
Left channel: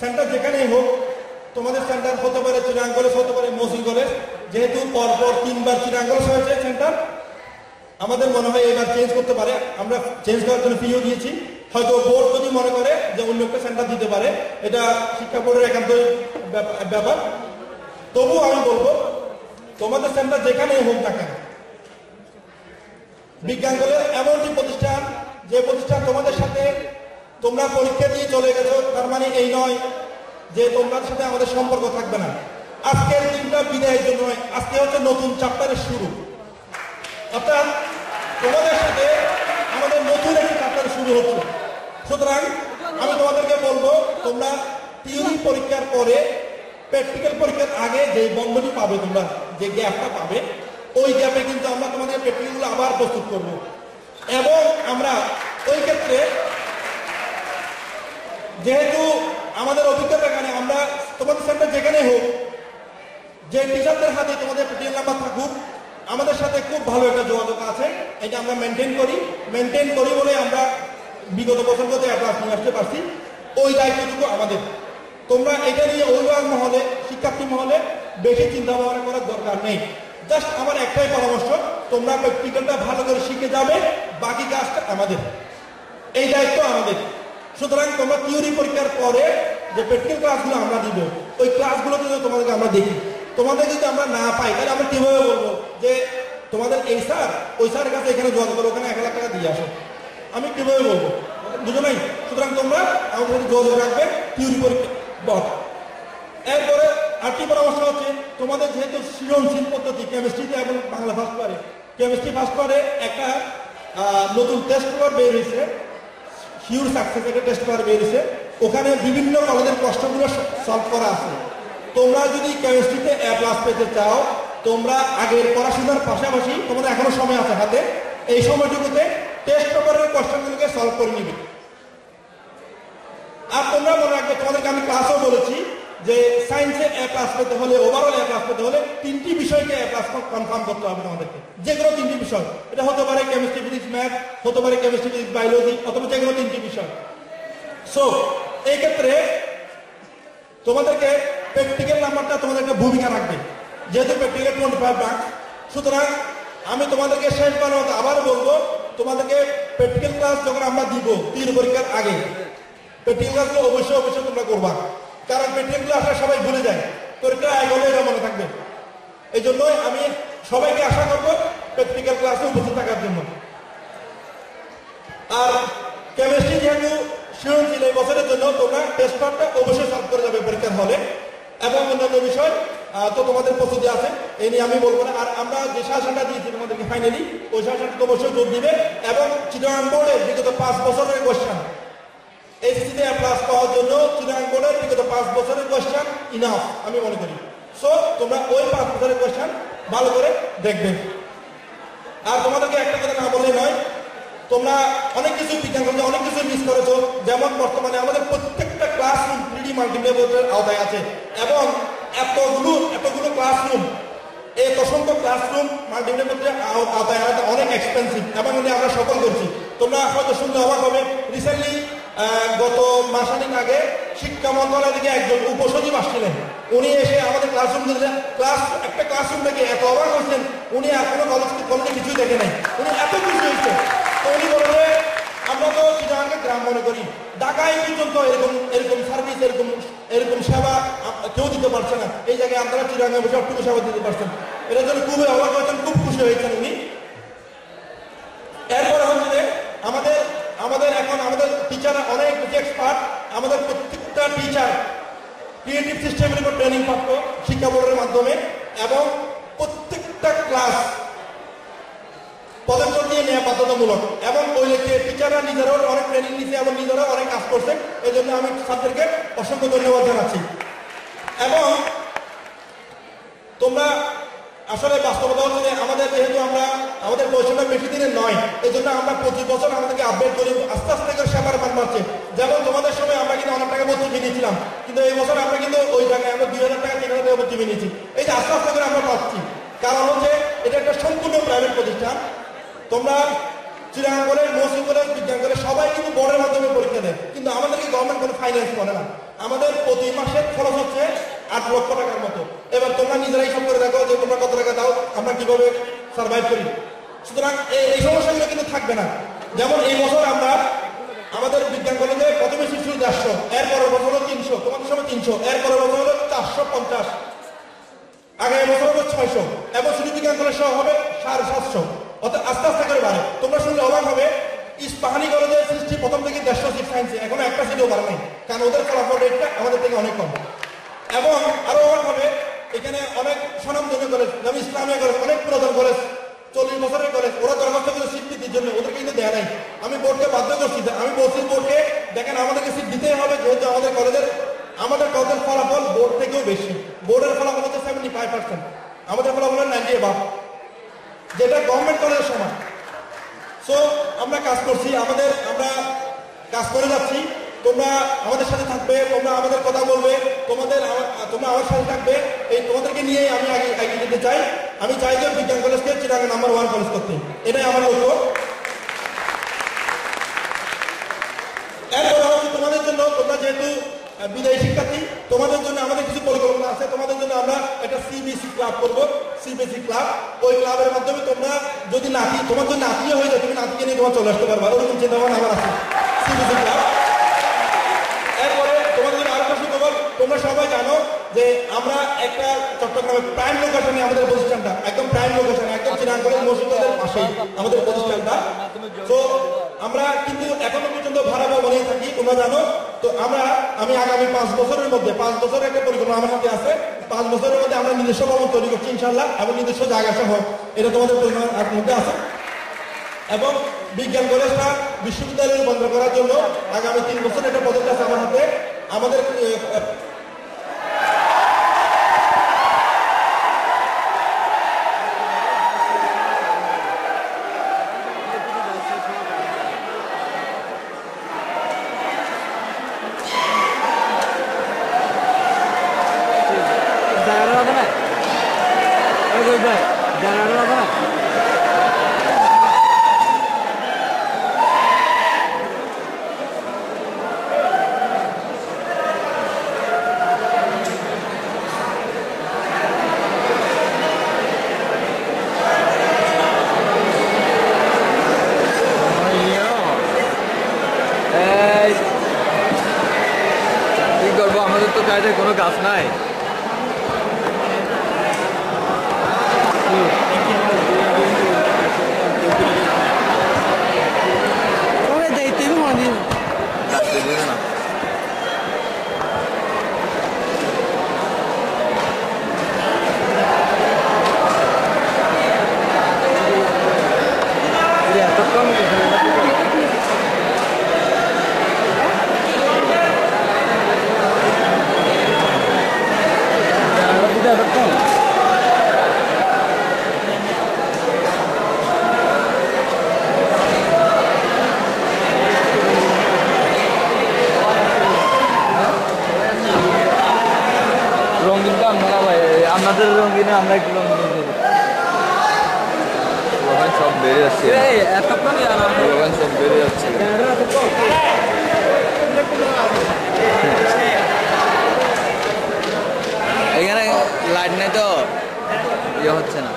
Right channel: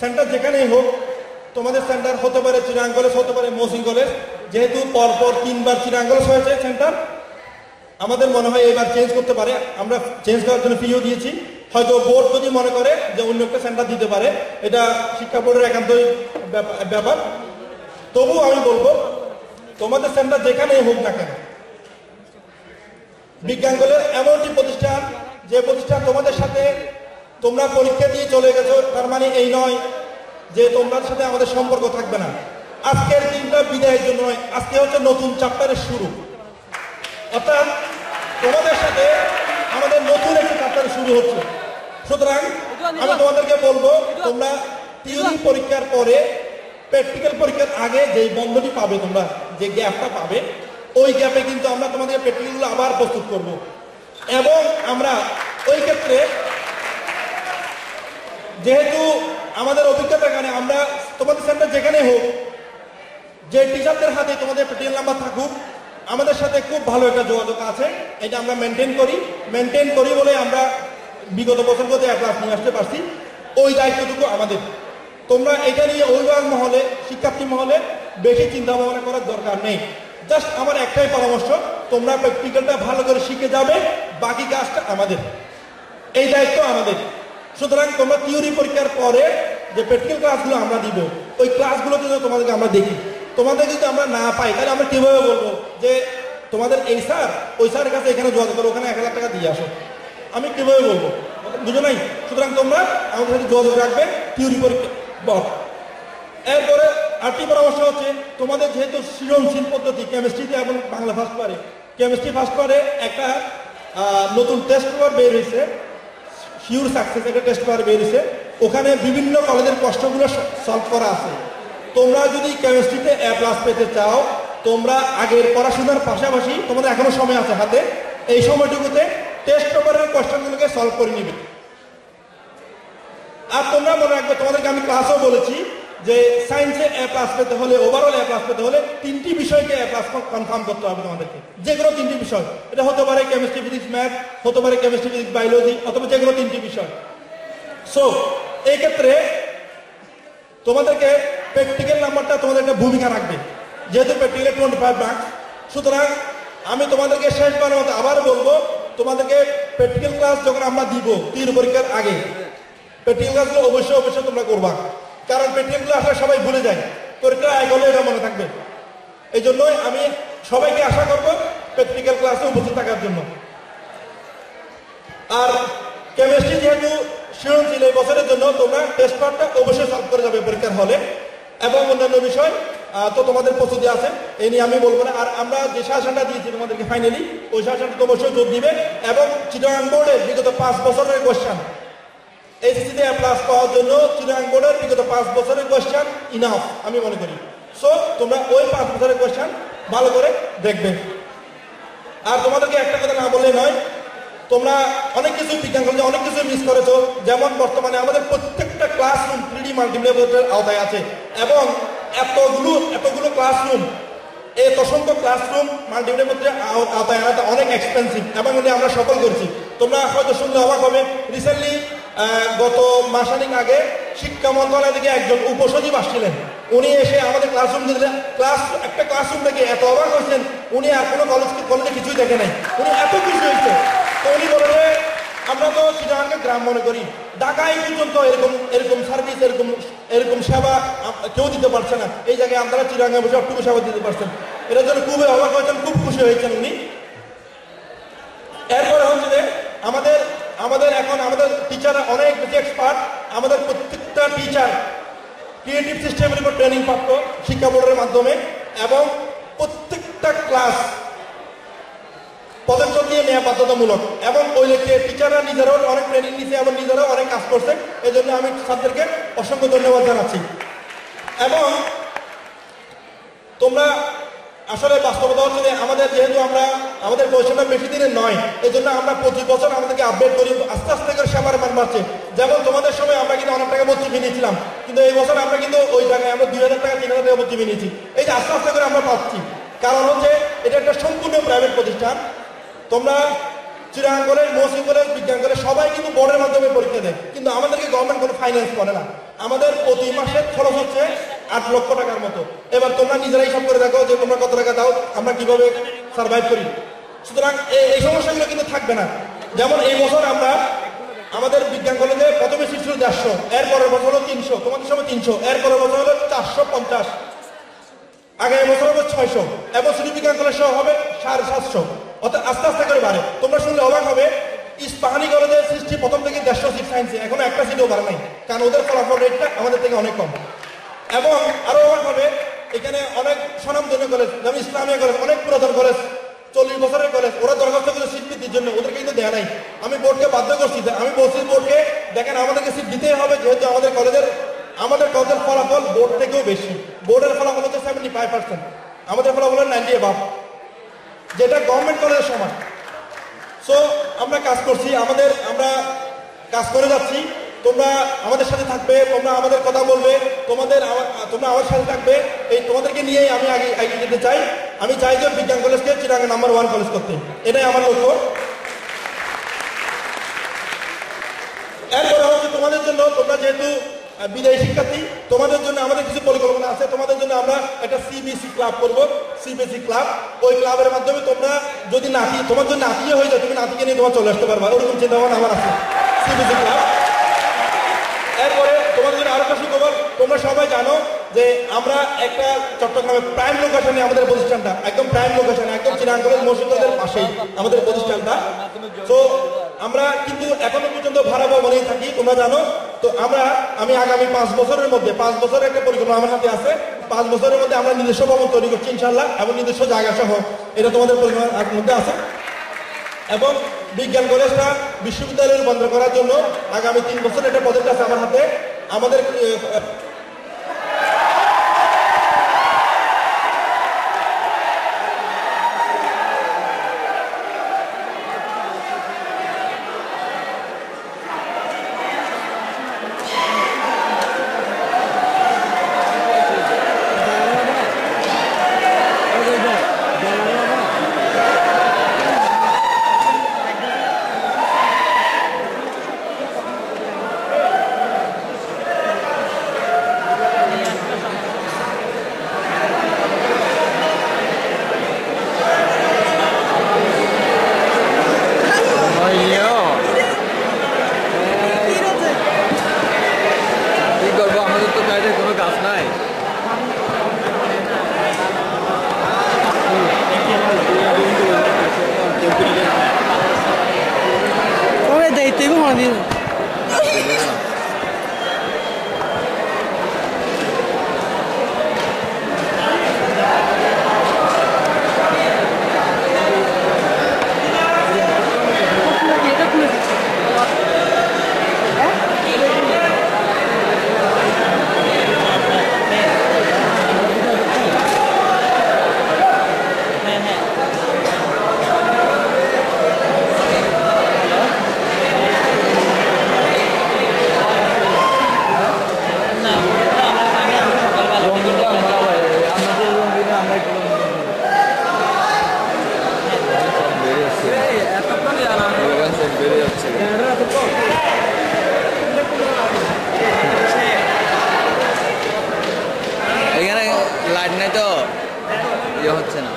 সেন্টার যেখানেই হোক, তোমাদের সেন্টার হতে পারে চিরাং কলেজ, হতে পারে মহসিন কলেজ, যেহেতু পরপর 3 বার চিরাং কলেজ হয়েছে সেন্টার, আমাদের মনে হয় এবার চেঞ্জ করতে পারে। আমরা চেঞ্জ করার জন্য ফিও দিয়েছি, হয়তো বোর্ড যদি মনে করে যে অন্য একটা সেন্টার দিতে পারে, এটা শিক্ষা বোর্ডের একান্তই ব্যাপার। তবু আমি বলবো তোমাদের সেন্টার যেখানেই হোক না কেন, বিজ্ঞান কলেজ এমন একটি প্রতিষ্ঠান, যে প্রতিষ্ঠান তোমাদের সাথে তোমরা পরীক্ষা দিয়ে চলে গেছো তার মানে এই নয় যে তোমার সাথে আমাদের সম্পর্ক থাকবে না। আজকের দিনটা বিদায়ের জন্য নয়, আজকে হচ্ছে নতুন চ্যাপ্টারের শুরু, অর্থাৎ তোমাদের সাথে আমাদের নতুন একটি চ্যাপ্টার শুরু হচ্ছে। সুতরাং আমি তোমাদেরকে বলবো, তোমরা থিওরি পরীক্ষার পরে প্র্যাকটিক্যাল পরীক্ষার আগে যে বন্ধটি পাবে, তোমরা যে গ্যাপটা পাবে, ওই গ্যাপে কিন্তু আমরা তোমাদের প্র্যাকটিক্যালগুলো আবার প্রস্তুত করব, এবং আমরা ওই ক্ষেত্রে যেহেতু আমাদের অভিজ্ঞতার কারণে আমরা তোমাদের সেন্টার যেখানে হোক, যে টিচারদের হাতে তোমাদের প্র্যাকটিক্যাল নাম্বার থাকুক, আমাদের সাথে খুব ভালো একটা যোগাযোগ আছে, এটা আমরা মেনটেন করি বলে আমরা বিগত বছরগুলোতে অ্যাপ্লাস নিয়ে আসতে পারছি। ওই দায়িত্বটুকু আমাদের। তোমরা এটা নিয়ে অভিভাবক মহলে, শিক্ষার্থী মহলে বেশি চিন্তা ভাবনা করার দরকার নেই। জাস্ট আমার একটাই পরামর্শ, তোমরা প্র্যাকটিক্যালটা ভালো করে শিখে যাবে, বাকি কাজটা আমাদের, এই দায়িত্ব আমাদের। সুতরাং তোমরা থিওরি পরীক্ষার পরে যে প্র্যাকটিক্যাল ক্লাসগুলো আমরা দিব, ওই ক্লাসগুলো যদি তোমাদেরকে আমরা দেখি, তোমাদের যদি আমরা না পাই, তাহলে আমরা কিভাবে বলবো যে তোমাদের এই স্যার ওই স্যারের কাছে এখানে যোগাযোগ করো, ওখানে 1,00,000 টাকা দিয়ে আসো? আমি কিভাবে বলবো? বুঝো নাই? সুতরাং তোমরা আমাদের সাথে যোগাযোগ রাখবে থিওরি পরীক্ষা বল। এরপরে আরেকটি পরামর্শ হচ্ছে, তোমাদের যেহেতু সৃজনশীল পদ্ধতি কেমিস্ট্রিতে এবং বাংলা ফার্স্ট পারে, কেমিস্ট্রি ফার্স্ট পারে একটা নতুন টেস্ট পেপার বের হয়েছে, শিওর সাকসেস একটা টেস্ট পেপার বের হয়েছে, ওখানে বিভিন্ন কলেজের প্রশ্নগুলো সলভ করা আছে। তোমরা যদি কেমিস্ট্রিতে A+ পেতে চাও, তোমরা আগের পড়াশোনার পাশাপাশি তোমাদের এখনো সময় আছে হাতে, এই সময়টুকুতে টেস্ট পেপারের কোয়েশ্চেনগুলোকে সলভ করে নিবে। আর তোমরা মনে রাখবে, তোমাদেরকে আমি ক্লাসও বলেছি যে সায়েন্সে A+ পেতে হলে, ওভারঅল A+ পেতে হলে 3টি বিষয়কে A+ কনফার্ম করতে হবে তোমাদেরকে, যে কোনো 3টি বিষয়। এটা হতে পারে কেমিস্ট্রি, ফিজিক্স, ম্যাথ, হতে পারে কেমিস্ট্রি, ফিজিক্স, বায়োলজি, অথবা যে কোনো 3টি বিষয়। সো এই ক্ষেত্রে তোমাদেরকে প্র্যাকটিক্যাল নাম্বারটা তোমাদের একটা ভূমিকা রাখবে, যেহেতু প্র্যাকটিক্যাল 25 মার্কস। সুতরাং আমি তোমাদেরকে শেষবারের মতো আবার বলবো, তোমাদেরকে প্র্যাকটিক্যাল ক্লাস যখন আমরা দিব থিওরি পরীক্ষার আগে, প্র্যাকটিক্যাল ক্লাসগুলো অবশ্যই তোমরা করবা, কারণ প্র্যাকটিক্যালগুলো আসলে সবাই ভুলে যায়, পরীক্ষা আগে হলে এটা মনে থাকবে। এই জন্যই আমি সবাইকে আশা করবো প্র্যাকটিক্যাল ক্লাসে উপস্থিত থাকার জন্য। আর কেমিস্ট্রি যেহেতু সৃজনশীল, এই বছরের জন্য তোমরা টেস্ট পেপারটা অবশ্যই সলভ করে যাবে পরীক্ষার হলে, এবং অন্যান্য বিষয় তো তোমাদের প্রস্তুতি আছে, এই নিয়ে আমি বলবো না। আর আমরা যে সাজেশনটা দিয়েছি তোমাদেরকে ফাইনালি, ওই সাজেশনটা তো অবশ্যই জোর দিবে, এবং চিটাগাং বোর্ডের বিগত 5 বছরের কোয়েশ্চেন এইচএসসিতে এ প্লাস পাওয়ার জন্য চিটাগাং বোর্ডের বিগত 5 বছরের কোয়েশ্চেন ইনাফ আমি মনে করি। সো তোমরা ওই 5 বছরের কোয়েশ্চেন ভালো করে দেখবে। আর তোমাদেরকে একটা কথা না বললে নয়, তোমরা অনেক কিছু বিজ্ঞান কলেজে অনেক কিছু মিস করেছো। যেমন বর্তমানে আমাদের প্রত্যেকটা ক্লাসরুম 3D মাল্টিমিডিয়া আওতায় আছে এবং এতগুলো ক্লাসরুম, এই অসংখ্য ক্লাসরুম মাল্টিমিডিয়া আওতায় আনাতে অনেক এক্সপেন্সিভ এবং আমরা সফল করছি। তোমরা হয়তো শুনলে অবাক হবে, রিসেন্টলি গত মাসানিক আগে শিক্ষা মন্ত্রণালয় থেকে একজন উপসচিব আসছিলেন। উনি এসে আমাদের একটা ক্লাসরুম থেকে এত অবাক হয়েছেন, উনি আর কোনো কলেজে কিছুই দেখে নাই, উনি এত খুশি হয়েছে। তো উনি বলে যে আমরা তো চিটাগাংকে গ্রাম মনে করি, ঢাকায় পর্যন্ত এরকম সার্ভিস এরকম সেবা কেউ দিতে পারছে না, এই জায়গায় আপনারা চিটাগাংয়ে বসে সবটুকু সেবা দিতে পারছেন। এটার জন্য খুবই অবাক হয়েছেন, খুব খুশি হয়েছেন উনি। এরপরে হচ্ছে যে আমাদের এখন আমাদের টিচাররা অনেক বেশি এক্সপার্ট। আমাদের প্রত্যেকটা টিচার ক্রিয়েটিভ সিস্টেমের উপর ট্রেনিং প্রাপ্ত শিক্ষা বোর্ডের মাধ্যমে এবং প্রত্যেকটা ক্লাস পদক্ষেপ নিয়ে নেওয়া বাধ্যতামূলক এবং ওই লেখে টিচাররা নিজেরাও অনেক ট্রেনিং নিচ্ছে এবং নিজেরাও অনেক কাজ করছে। এই জন্য আমি স্যারদেরকে অসংখ্য ধন্যবাদ জানাচ্ছি। এবং তোমরা আসলে বাস্তবতা হচ্ছে যে যেহেতু আমাদের পয়সাটা বেশি দিনের নয়, এই জন্য আমরা 25 বছর আমাদেরকে আপডেট করি, আস্তে আস্তে করে সেবার মান বাড়ছে। যেমন তোমাদের সময় আমরা কিন্তু অনেক টাকা ভর্তি নিয়েছিলাম, কিন্তু এই বছর আমরা কিন্তু ওই টাকায় আমরা 2000 টাকা 3000 টাকা ভর্তি নিয়েছি। এই যে আস্তে আস্তে করে আমরা পাচ্ছি, কারণ হচ্ছে এটা একটা সম্পূর্ণ প্রাইভেট প্রতিষ্ঠান। তোমরা চিটাগাং কলেজ, মহসিন কলেজ, বিজ্ঞান কলেজ সবাই কিন্তু বোর্ডের মাধ্যমে পরীক্ষা দেয়, কিন্তু আমাদেরকে গভর্নমেন্ট কোনো ফাইন্যান্স করে না। আমাদের প্রতি মাসের খরচ হচ্ছে 8 লক্ষ টাকার মতো। এবার তোমরা নিজেরাই সব করে দেখো যে তোমরা কত টাকা দাও, আমরা কিভাবে সার্ভাইভ করি। সুতরাং এই সমস্যাগুলো কিন্তু থাকবে না। যেমন এই বছর আমাদের বিজ্ঞান কলেজে প্রথমে শিশু 150, এরপরের বছর হলো 300, তোমাদের সময় 300, এরপরের বছর হলো 450, আগামী বছর হবে 600 এবং শুধু বিজ্ঞান কলেজ সহ হবে 750। অর্থাৎ আস্তে আস্তে করে বাড়ে। তোমরা শুনলে অবাক হবে, ইস্পাহানি কলেজের সৃষ্টি প্রথম থেকে 150 সিট সায়েন্সে, এখনো একটা সিটও বাড়ে নাই, কারণ ওদের ফলাফল রেটটা আমাদের থেকে অনেক কম। এবং আরো অবাক হবে, এখানে অনেক স্বনামধন্য কলেজ, যেমন ইসলামিয়া কলেজ, অনেক পুরাতন কলেজ, 40 বছরের কলেজ, ওরা দরখাস্ত করে সিট বৃদ্ধির জন্য, ওদেরকে কিন্তু দেয়া নাই। আমি বোর্ডকে বাধ্য করছি, আমি বলছি বোর্ডকে দেখেন আমাদেরকে সিট দিতেই হবে, যেহেতু আমাদের কলেজের ফলাফল বোর্ড থেকেও বেশি। বোর্ডের ফলাফল হচ্ছে 75%, আমাদের ফলাফল 90 অ্যাবাভ, যেটা গভর্নমেন্ট কলেজের সমান। সো আমরা কাজ করছি, আমরা কাজ করে যাচ্ছি। তোমরা আমাদের সাথে থাকবে, তোমরা আমাদের কথা বলবে, তোমরা আমার সাথে থাকবে। এই তোমাদেরকে নিয়েই আমি আগে যেতে চাই। আমি চাই যে বিজ্ঞান কলেজকে চিটাগাং নাম্বার 1 কলেজ করতে, এটাই আমার লক্ষ্য। এরপরে হচ্ছে তোমাদের জন্য, তোমরা যেহেতু বিদায়ী শিক্ষার্থী, তোমাদের জন্য আমাদের কিছু পরিকল্পনা আছে। তোমাদের জন্য আমরা একটা সিবিএসই ক্লাব করব, সিবিএসই ক্লাব। ওই ক্লাবের মাধ্যমে তোমরা যদি তোমার জন্য নাতিয়ে হয়ে যায়, তুমি নাতিকে নিয়ে তোমার চলে আসতে পারবা, ওরকম চিন্তা ভাবনা আমার আছে, সিবিএসই ক্লাব। এরপরে তোমাদের জন্য আরো কিছু খবর, তোমরা সবাই জানো যে আমরা একটা চট্টগ্রামে প্রাইম লোকেশনে আমাদের প্রতিষ্ঠানটা, একদম প্রাইম লোকেশনে, একদম চিটাগাং কলেজ মসজিদের পাশেই আমাদের প্রতিষ্ঠানটা। তো আমরা কিন্তু এখনো পর্যন্ত ভাড়া ভবনেই থাকি, তোমরা জানো। তো আমি আগামী 5 বছরের মধ্যে, 5 বছরের একটা পরিকল্পনা আমার হাতে আছে। 5 বছরের মধ্যে আমরা নিজস্ব ভবন তৈরি করছি ইনশাআল্লাহ, এবং নিজস্ব জায়গা সহ, এটা তোমাদের পরিকল্পনার মধ্যে আছে। এবং বিজ্ঞান কলেজটা বিশ্ববিদ্যালয়ে রূপান্তর করার জন্য আগামী 3 বছর একটা প্রজেক্ট আছে আমার হাতে। আমাদের কোনো গাছ নাই। দায়িত্ব মনে আমরা একটু সব বেড়ে যাচ্ছে সব বেড়ে যাচ্ছে এখানে লাইট নেই তো ইয়ে হচ্ছে না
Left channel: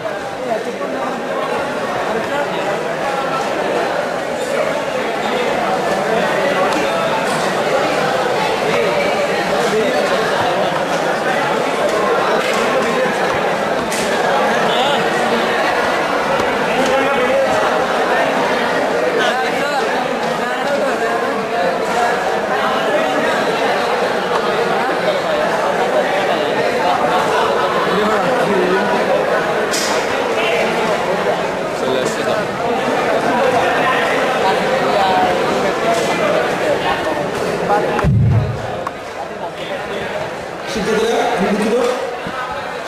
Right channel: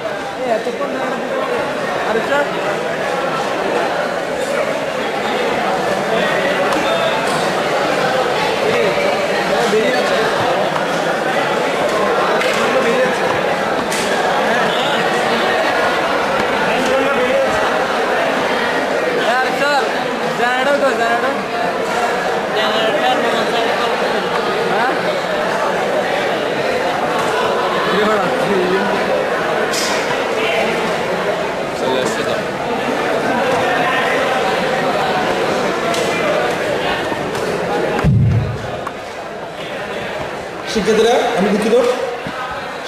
শিক্ষার্থীরা আমি দুঃখিত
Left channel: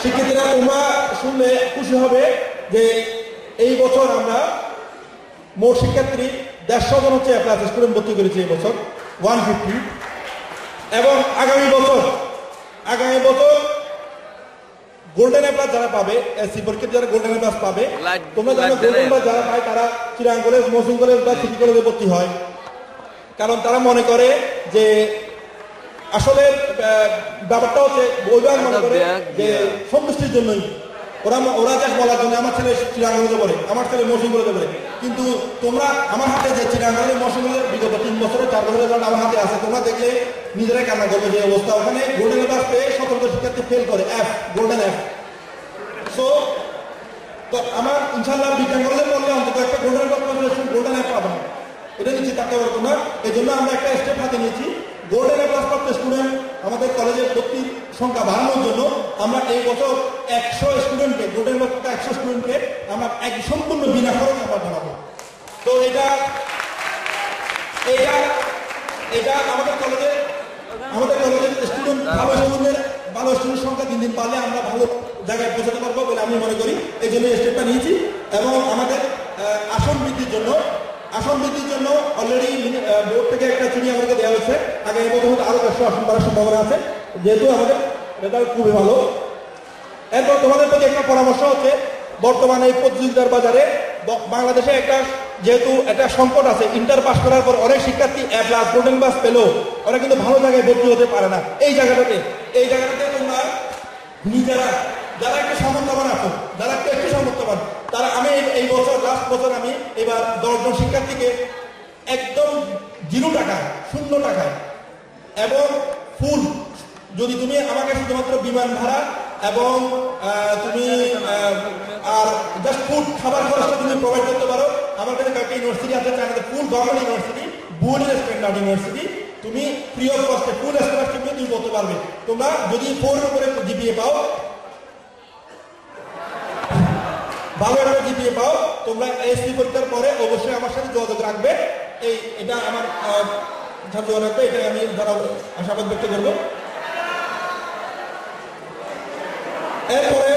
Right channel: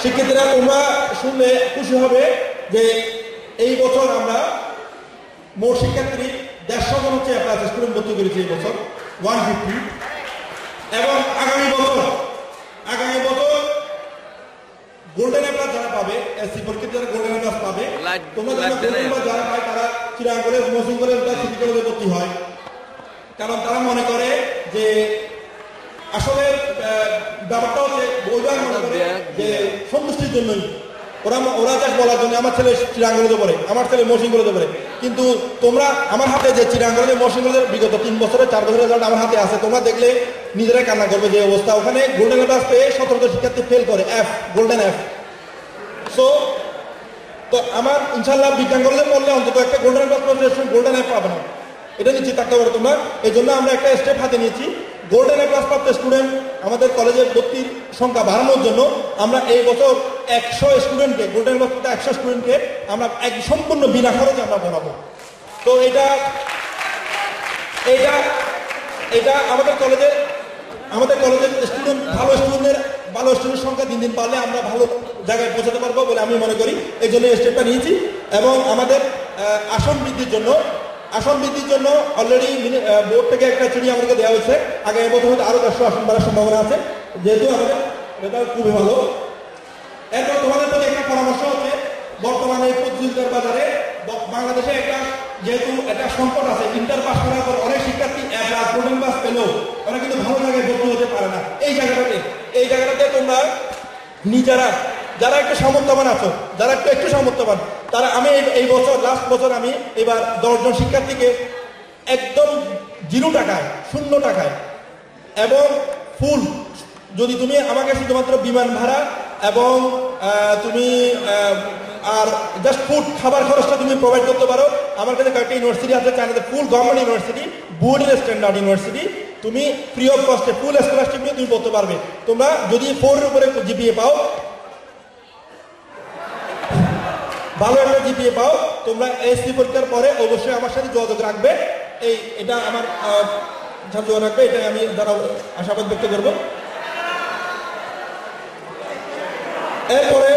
শিক্ষার্থীরা তোমরা শুনলে খুশি হবে যে এই বছর আমরা মোট শিক্ষার্থী 150 জন হচ্ছে ক্লাস স্টুডেন্ট ভর্তি করেছি এই বছর 150 এবং আগামী বছর গোল্ডেন অ্যাপ্লাস যারা পাবে এসসি পরীক্ষার্থী যারা গোল্ডেন অ্যাপ্লাস পাবে তোমরা জানো গোল্ডেন অ্যাপ্লাস যারা পায় তারা চিরাং কলেজ মহসিন কলেজ বা সিটি কলেজে ভর্তি হয় কারণ তারা মনে করে যে আসলে ব্যাপারটা হচ্ছে বইবার মনে করে যে সন্তুষ্টির জন্যই ওরা যা বলার জন্য আমার ছেলে চিরাঙ্গলে পড়ে আমার ছেলে মহসিন কলেজে পড়ে কিন্তু তোমরা আমার হাতে যে চিরাঙ্গলে মহসিন কলেজের বিগত 3 বছরে 4 বছরের রেজাল্ট আমার হাতে আছে তোমরা দেখলে নিজেরাই কান্না করবে যে অবস্থা ওখানে গোল্ডেন অ্যাপ্লাস পেয়ে 17 শিক্ষার্থী ফেল করে গোল্ডেন এফ সো তো আমার ইনশাল্লাহ বিজ্ঞান কলেজে পড়লে অন্তত একটা গোল্ডেন অ্যাপ্লাস গোল্ডেন এফ পাবে না এটা নিশ্চিত থাকতে পারো তোমরা এই জন্য আমরা একটা স্টেপ হাতে নিয়েছি গোল্ডেন অ্যাপ্লাস প্রাপ্ত স্টুডেন্ট আমাদের কলেজের ভর্তির সংখ্যা বাড়ানোর জন্য আমরা এই বছর 100 স্টুডেন্টকে গোল্ডেন অ্যাপ্লাস প্রাপ্ত 100 স্টুডেন্টকে আমরা সম্পূর্ণ বিনা খরচে আমরা পড়াবো তো এটা আমাদের কলেজের স্টুডেন্ট ভালো স্টুডেন্ট সংখ্যা দিন দিন বাড়লে আমরা ভালো জায়গায় পৌঁছাতে পারবো বলে আমি মনে করি এই জন্য স্টেপটা নিয়েছি এবং আমাদের আসন বৃদ্ধির জন্য অলরেডি বোর্ড থেকে একটা চিঠি আমাদেরকে দেওয়া হয়েছে আগামী বছর আরো 100 আসন বাড়ার সম্ভাবনা আছে যেহেতু আমাদের রেজাল্ট খুবই ভালো এরপর তোমাদের প্রতি একটা পরামর্শ হচ্ছে বর্তমানে এই প্রতিযোগিতার বাজারে বাংলাদেশে যেহেতু একটা সংকট আছে ইন্টার পাস করার পর অনেক শিক্ষার্থী গোল্ডেন পাস পেলেও ওরা কিন্তু ভালো জায়গায় ভর্তি হতে পারে না এই জায়গাটাতে তোমরা নিজেরা যারা একটু সামর্থ্যবান আছো যারা একটু সামর্থ্যবান তারা আমি এই বছর লাস্ট বছর আমি এবার 10 জন শিক্ষার্থীকে একদম 0 টাকায় 0 টাকায় এবং ফুল যদি তুমি আমাকে শুধুমাত্র বিমান ভাড়া এবং তুমি আর জাস্ট ফুড খাবার খরচটা তুমি প্রোভাইড করতে পারো আমার কাছে কয়েকটা ইউনিভার্সিটি আছে চায়নাতে ফুল গভর্নমেন্ট ইউনিভার্সিটি বুয়েটের স্ট্যান্ডার্ড ইউনিভার্সিটি তুমি ফ্রি অফ কস্টে ফুল স্কলারশিপ নিয়ে তুমি করতে পারবে তোমরা যদি 4 এর উপরে জিপিএ পাও ভালো একটা জিপিএ পাও তোমরা এসসি পরীক্ষার পরে অবশ্যই আমার সাথে যোগাযোগ রাখবে এটা আমার যোগাযোগ রাখবে এটা আমি দ্বারা আশাবাদ ব্যক্ত করবো এরপরে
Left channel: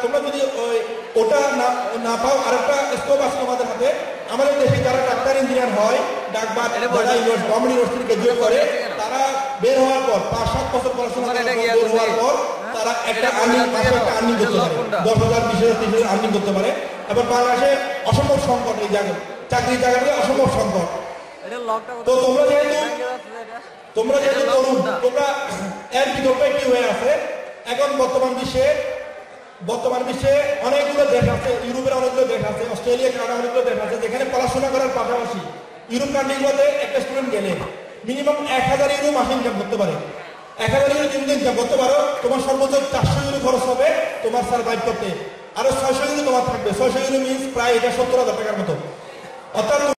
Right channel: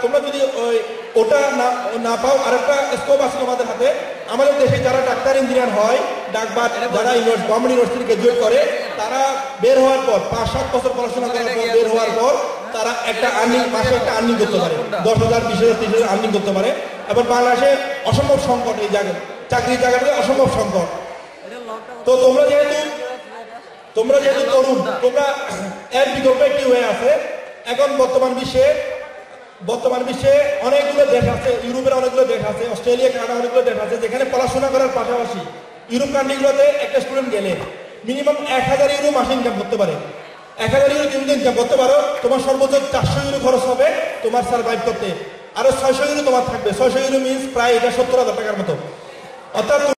তোমরা যদি ওটা না পাও আরেকটা স্কোপ আছে তোমাদের হাতে আমাদের দেশে যারা ডাক্তার ইঞ্জিনিয়ার হয় ডাকবাদ যারা গভর্নমেন্ট ইউনিভার্সিটি গ্রাজুয়েট করে তারা বের হওয়ার পর 5-7 বছর পড়াশোনা করার পর বের হওয়ার পর তারা একটা মাসে একটা আর্নিং করতে পারে 10,000 20,000 30,000 আর্নিং করতে পারে এবং বাংলাদেশে অসম্ভব সংকট এই জায়গায় চাকরির জায়গাতে অসম্ভব সংকট তো তোমরা যেহেতু তরুণ তোমরা এর বিকল্প একটি হয়ে আছে এখন বর্তমান বিশ্বে অনেকগুলো দেশ আছে ইউরোপের অনেকগুলো দেশ আছে অস্ট্রেলিয়া কানাডা অনেকগুলো দেশ আছে যেখানে পড়াশোনা করার পাশাপাশি ইউরোপ কান্ট্রিগুলোতে একটা স্টুডেন্ট গেলে মিনিমাম 1,000 ইউরো মাসে ইনকাম করতে পারে 1,000 ইউরো তুমি ইনকাম করতে পারো তোমার সর্বোচ্চ 400 ইউরো খরচ হবে তোমার সার্ভাইভ করতে আরো 600 ইউরো তোমার থাকবে 600 ইউরো মিনস প্রায় এটা 70,000 টাকার মতো অর্থাৎ